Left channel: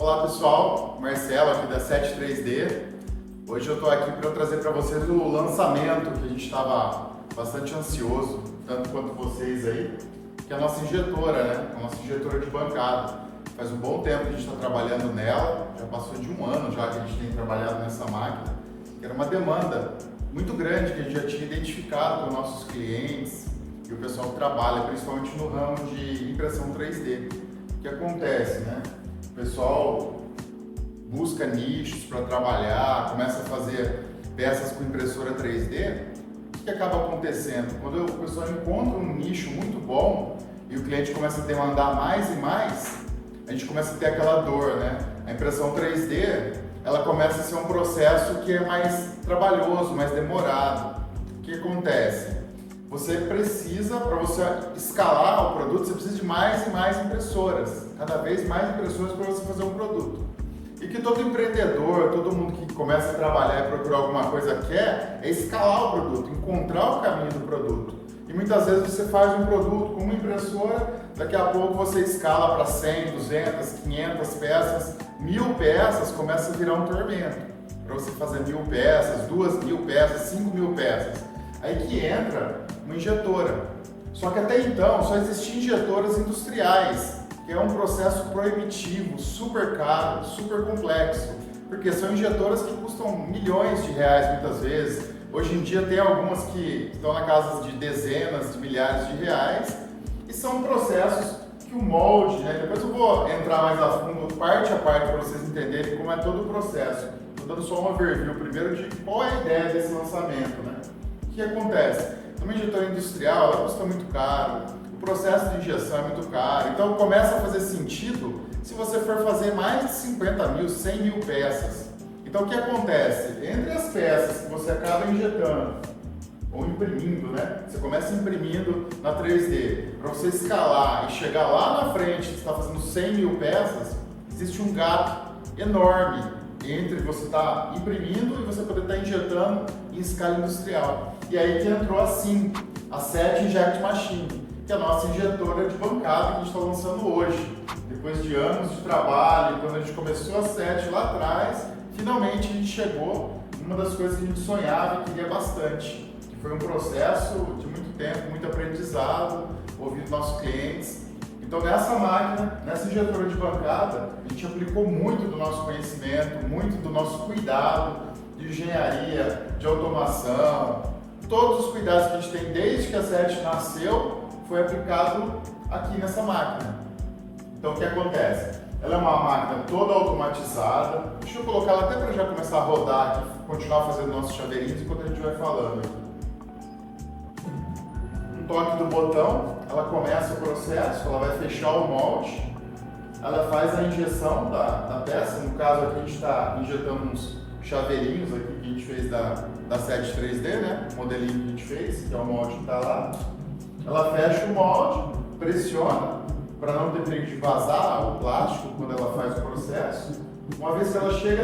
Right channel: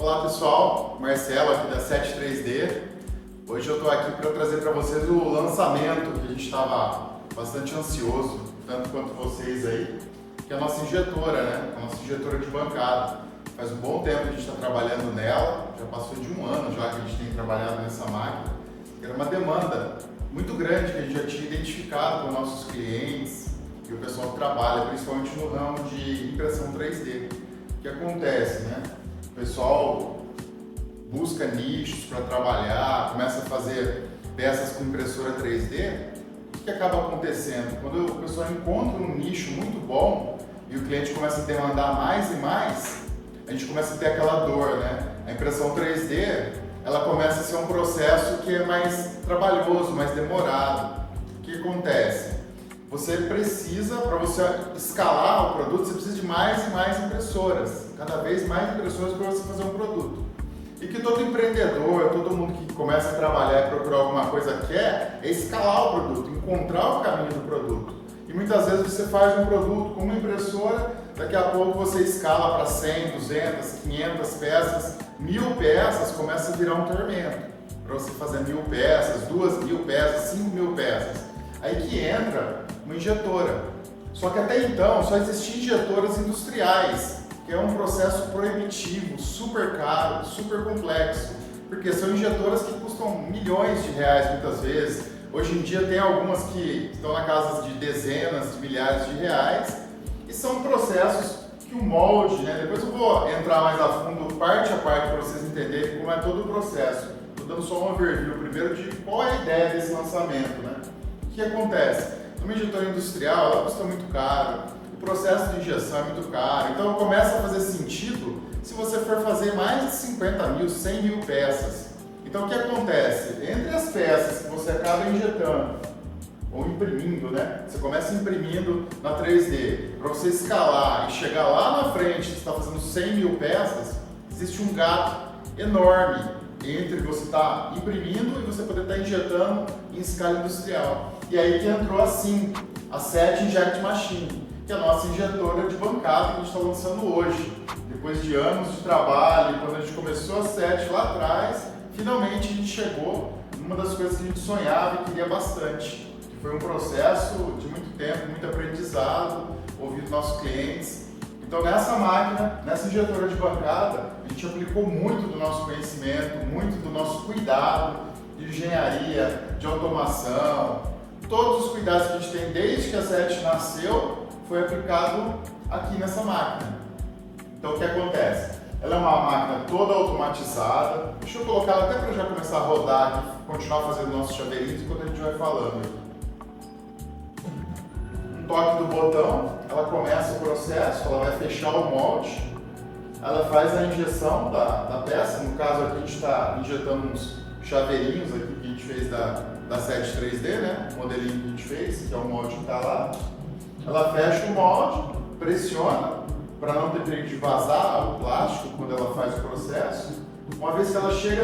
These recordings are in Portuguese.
Olá pessoal, Marcelo aqui da 73D. Hoje eu estou aqui para trazer para vocês o lançamento que a gente estava bastante ansioso, tanto quanto vocês aí, que é a nossa injetora, né? A nossa injetora de bancada. Faz um bom tempo que a gente está trabalhando nela, já passou de um ano já que a gente tem trabalhado nessa máquina, que era uma demanda muito grande que a gente já tinha identificado com nossos clientes e o pessoal que trabalha, principalmente no ramo de impressão 3D. O que acontece, né? O pessoal busca nichos para trabalhar, começa a fazer peças com impressora 3D. O que acaba acontecendo? Quando o pessoal encontra um nicho muito bom e o cliente começa a demandar mais e mais, a gente começa a ter aquela dor, né? A impressão 3D, ela começa a ser um processo que é mais trabalhoso, mais demorado. O que acontece? Você precisa, para você escalar o produto, você precisa de mais e mais impressoras, cada vez mais impressoras para você fazer um produto. E que todo empreendedor, todo mundo que começa a trabalhar e procurar alguma coisa quer é escalar o produto, encontrar o caminho do produto. E muitas vezes você faz um produto com uma impressora, daqui a pouco você escala para 100, 200, 500 peças, 1000 peças, começa a virar um tormento. Para você fazer 1000 peças, 2000 peças, 5000 peças. Aí que entra uma injetora. Só que até então só existiam injetoras industriais, que é um processo proibitivo, super caro, super complexo, porque são injetoras que custam milhões de reais muitas vezes. Hoje em dia tem algumas que estão na casa de dezenas de milhares de reais e são processos que o molde, né? Depois eu vou entrar mais a fundo, parte a parte, para vocês entenderem como é todo o processo. Estou dando só uma overview primeiro de qual é a ideia desse lançamento, né? O que acontece? Uma injetora industrial, ela custa muito caro, o processo de injeção é muito caro, então começa a fazer sentido se você for fazer mais de 50 mil, 100 mil peças. Então o que acontece? Entre as peças que você acaba injetando ou imprimindo, né? Você começa imprimindo na 3D, para você escalar e chegar lá na frente, você está fazendo 100 mil peças, existe um gap enorme entre você estar imprimindo e você poder estar injetando em escala industrial. E aí que entrou assim, a 7 Inject Machine, que é a nossa injetora de bancada que a gente está lançando hoje. Depois de anos de trabalho, quando a gente começou a 7 lá atrás, finalmente a gente chegou numa das coisas que a gente sonhava e queria bastante, que foi um processo de muito tempo, muito aprendizado, ouvindo nossos clientes. Então nessa máquina, nessa injetora de bancada, a gente aplicou muito do nosso conhecimento, muito do nosso cuidado de engenharia, de automação, todos os cuidados que a gente tem desde que a 7 nasceu, foi aplicado aqui nessa máquina. Então o que acontece? Ela é uma máquina toda automatizada. Deixa eu colocar ela até para já começar a rodar aqui, continuar fazendo nossos chaveirinhos enquanto a gente vai falando. Toque do botão, ela começa o processo, ela vai fechar o molde, ela faz a injeção da peça, no caso aqui a gente está injetando uns chaveirinhos aqui que a gente fez da 7 3D, né? O modelinho que a gente fez, que é o molde que está lá. Ela fecha o molde, pressiona, para não ter perigo de vazar o plástico quando ela faz o processo. Uma vez que ela chega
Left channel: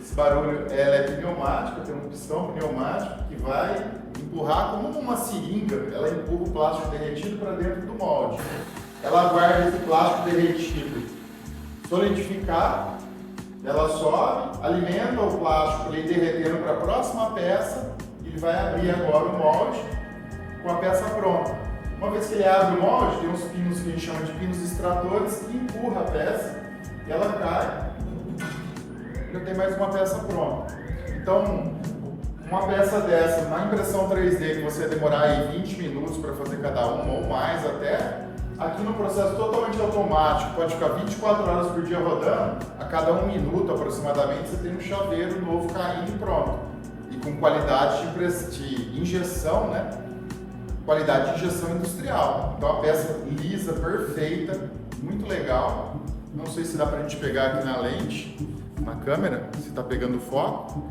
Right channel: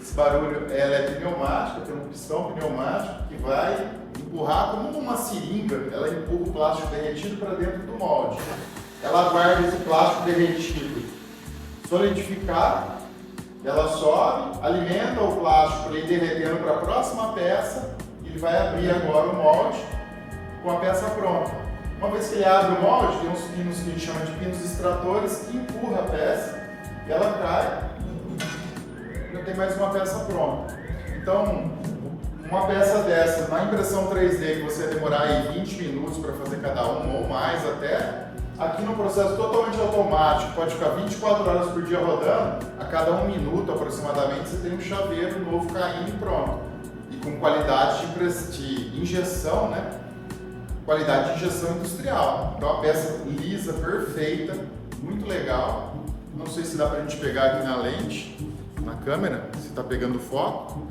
esse barulho, ela é pneumática, tem um pistão pneumático que vai empurrar como uma seringa, ela empurra o plástico derretido para dentro do molde. Ela guarda esse plástico derretido solidificar, ela sobe, alimenta o plástico para ele derretendo para a próxima peça e ele vai abrir agora o molde com a peça pronta. Uma vez que ele abre o molde, tem uns pinos que a gente chama de pinos extratores que empurra a peça e ela cai, já tem mais uma peça pronta. Então, uma peça dessa, na impressão 3D, que você vai demorar aí 20 minutos para fazer cada uma ou mais até, aqui no processo totalmente automático, pode ficar 24 horas por dia rodando, a cada 1 minuto aproximadamente você tem um chaveiro novo caindo e pronto. E com qualidade de injeção, né? Qualidade de injeção industrial. Então a peça lisa, perfeita, muito legal. Não sei se dá pra gente pegar aqui na lente, na câmera, se tá pegando foco.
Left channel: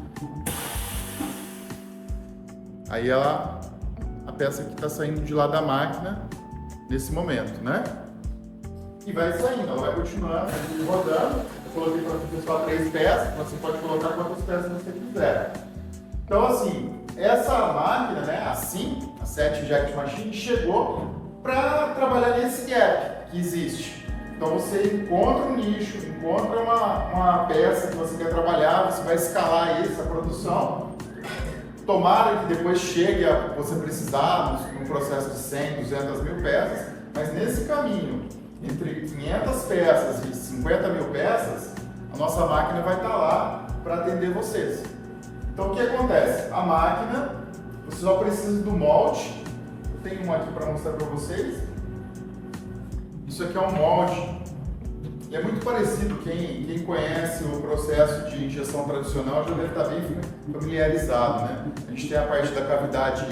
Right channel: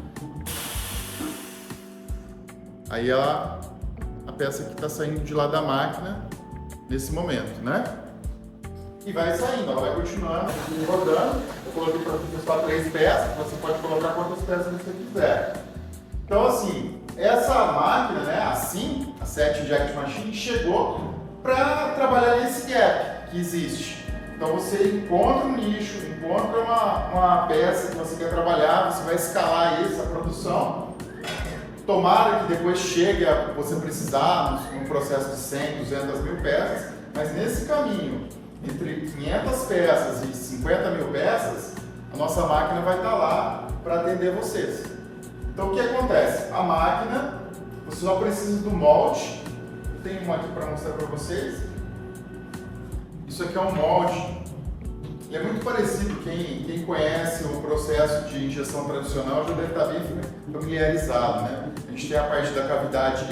Aí a peça que está saindo de lá da máquina nesse momento, né? E vai saindo, ela vai continuando aqui rodando. Eu coloquei para você só 3 peças, você pode colocar quantas peças você quiser. Então assim, essa máquina, né, assim, a 7 Inject Machine, chegou para trabalhar nesse gap que existe. Então você encontra um nicho, encontra uma peça que você quer trabalhar, você vai escalar essa produção. Tomara que depois chegue a você precisar no processo de 100, 200 mil peças, mas nesse caminho, entre 500 peças e 50 mil peças, a nossa máquina vai estar lá para atender vocês. Então o que acontece? A máquina, você só precisa do molde. Eu tenho uma aqui para mostrar para vocês. Isso aqui é um molde. E é muito parecido, quem conhece o processo de injeção tradicional já deve estar bem familiarizado, né? A gente tem a parte da cavidade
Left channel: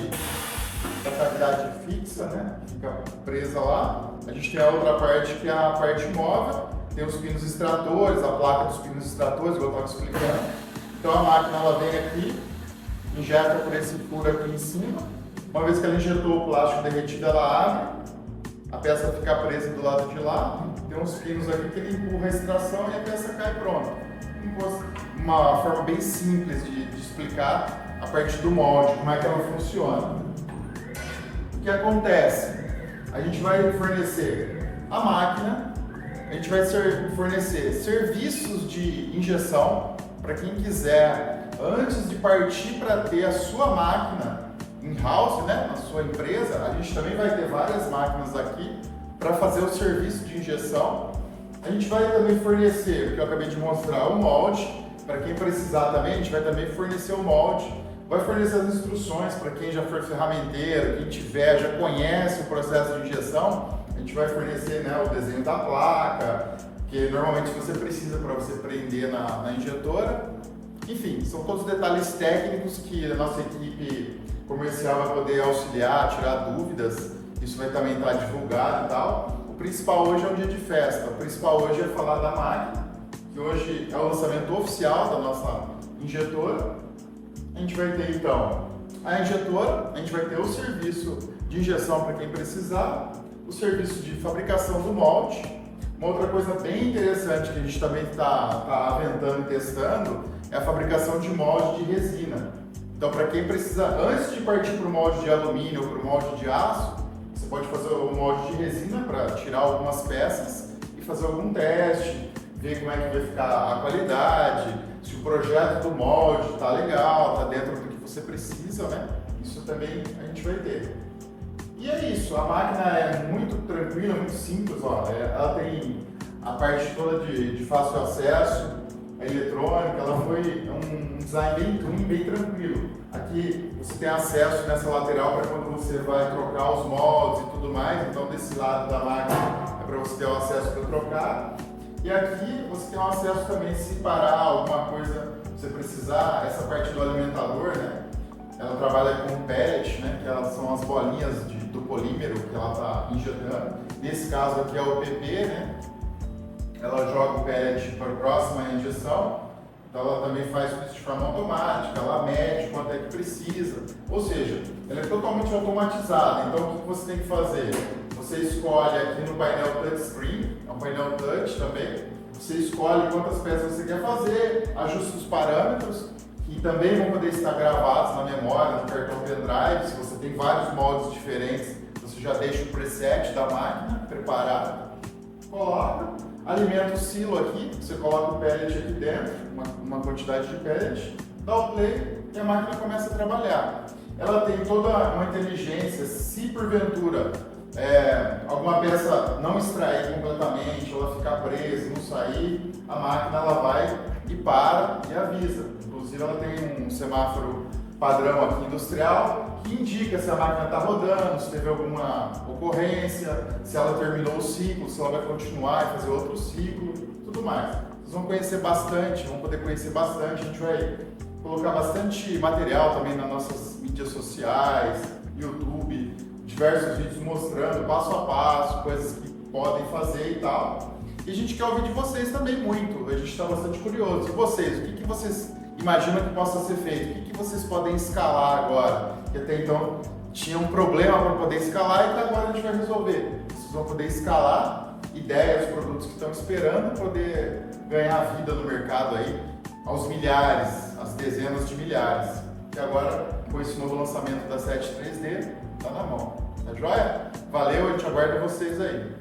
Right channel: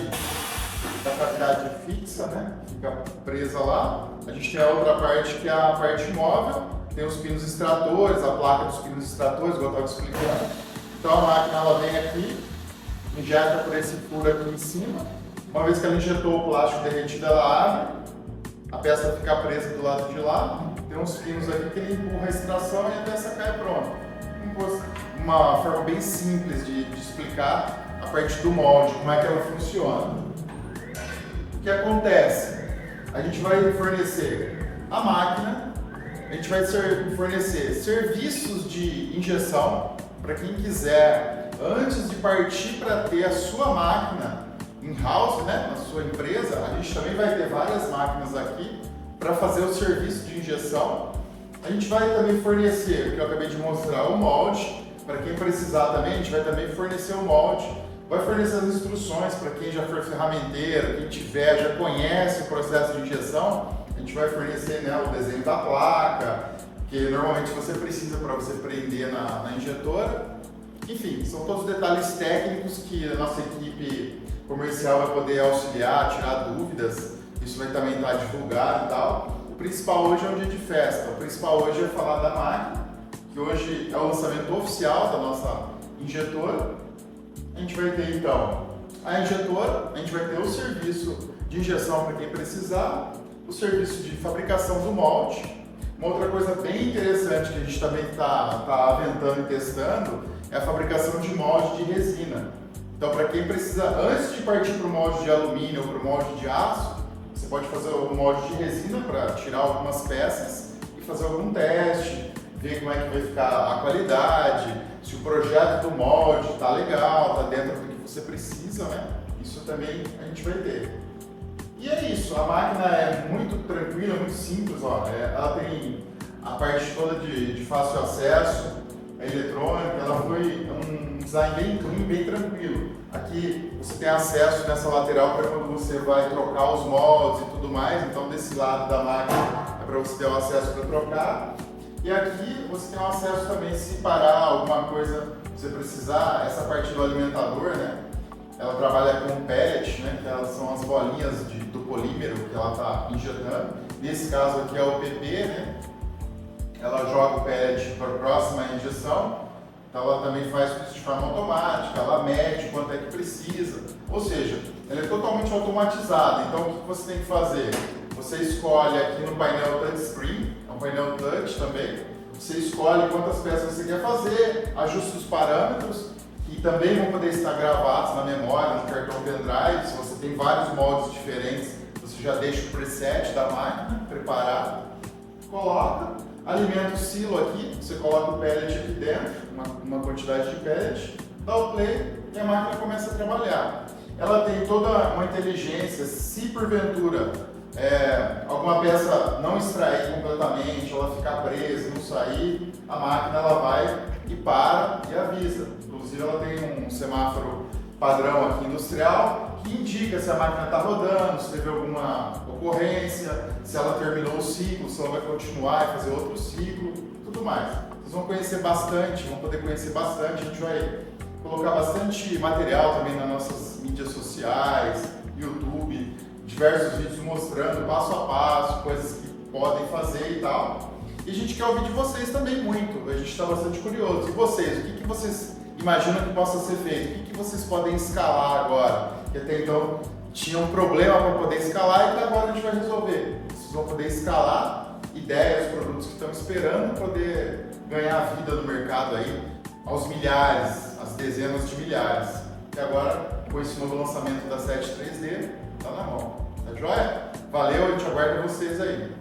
fixa, né? Fica presa lá. A gente tem a outra parte que é a parte móvel, tem os pinos extratores, a placa dos pinos extratores, igual eu estava explicando. Então a máquina ela vem aqui, injeta por esse furo aqui em cima. Uma vez que ela injetou o plástico derretido, ela abre, a peça fica presa do lado de lá. Tem uns pinos aqui que ele empurra a extração e a peça cai pronta. Uma forma bem simples de explicar a parte do molde, como é que ela funciona. O que acontece? A gente vai fornecer a máquina, a gente vai fornecer serviços de injeção para quem quiser, antes de partir para ter a sua máquina in-house, né, na sua empresa. A gente também vai ter várias máquinas aqui para fazer o serviço de injeção. A gente vai também fornecer, o que eu acabei de mostrar, o molde. Para quem precisar também, a gente vai também fornecer o molde. Vai fornecer as instruções para quem já for ferramenteiro, quem tiver, já conhece o processo de injeção. A gente vai fornecer, né, o desenho da placa, que normalmente você precisa para você prender na injetora. Enfim, são todos detalhes técnicos que a nossa equipe comercial vai poder auxiliar, tirar dúvidas. Isso vai também estar divulgado e tal. O principal hoje é um dia de festa. O principal hoje é falar da máquina, que hoje é o lançamento oficial da nossa injetora. A gente vai ter então a injetora, a gente vai ter o serviço de injeção para quem precisar, o serviço de fabricação do molde. Uma outra coisa bem interessante que a gente também está aventando e testando é a fabricação de molde de resina. Então, para quem precisa, antes de partir para o molde de alumínio ou para o molde de aço, você pode fazer o molde de resina para tirar algumas peças e fazer algum teste, ver como é que vai ficar a qualidade, se o projeto do molde está legal, está dentro do que você precisa, né? Isso também a gente vai ter. E é isso, a máquina é muito tranquila, muito simples, ó. Ela tem a parte toda de fácil acesso, a eletrônica, ela foi um design bem clean, bem tranquilo. Aqui você tem acesso nessa lateral para quando você vai trocar os moldes e tudo mais, então desse lado da máquina é para você ter o acesso para trocar. E aqui você tem um acesso também, se parar alguma coisa, você precisar, essa parte do alimentador, né? Ela trabalha com pellet, né? Que elas são as bolinhas do polímero que ela está injetando. Nesse caso aqui é o PP, né? Ela joga o pellet para a próxima injeção, então ela também faz isso de forma automática, ela mede quanto é que precisa, ou seja, ela é totalmente automatizada. Então o que você tem que fazer? Você escolhe aqui no painel touchscreen, é um painel touch também, você escolhe quantas peças você quer fazer, ajusta os parâmetros, que também vão poder estar gravados na memória, no cartão pendrive. Se você tem vários moldes diferentes, você já deixa o preset da máquina preparado, coloca. Alimenta o silo aqui, você coloca o pellet aqui dentro, uma quantidade de pellet, dá o play e a máquina começa a trabalhar. Ela tem toda uma inteligência, se porventura alguma peça não extrair completamente, ela ficar presa, não sair, a máquina ela vai e para e avisa. Inclusive ela tem um semáforo padrão aqui industrial que indica se a máquina está rodando, se teve alguma ocorrência, se ela terminou o ciclo, se ela vai continuar e fazer outro ciclo, tudo mais. Vocês vão conhecer bastante, vão poder conhecer bastante. A gente vai colocar bastante material também nas nossas mídias sociais, YouTube, diversos vídeos mostrando passo a passo, coisas que podem fazer e tal. E a gente quer ouvir de vocês também muito, a gente está bastante curioso. E vocês, o que vocês imaginam que possa ser feito? O que vocês podem escalar agora? Que até então tinha um problema para poder escalar e que agora a gente vai resolver. Vocês vão poder escalar ideias, produtos que estão esperando poder ganhar vida no mercado aí aos milhares, às dezenas de milhares. E agora, com esse novo lançamento da 7 3D, tá na mão. Tá joia? Valeu, a gente aguarda vocês aí.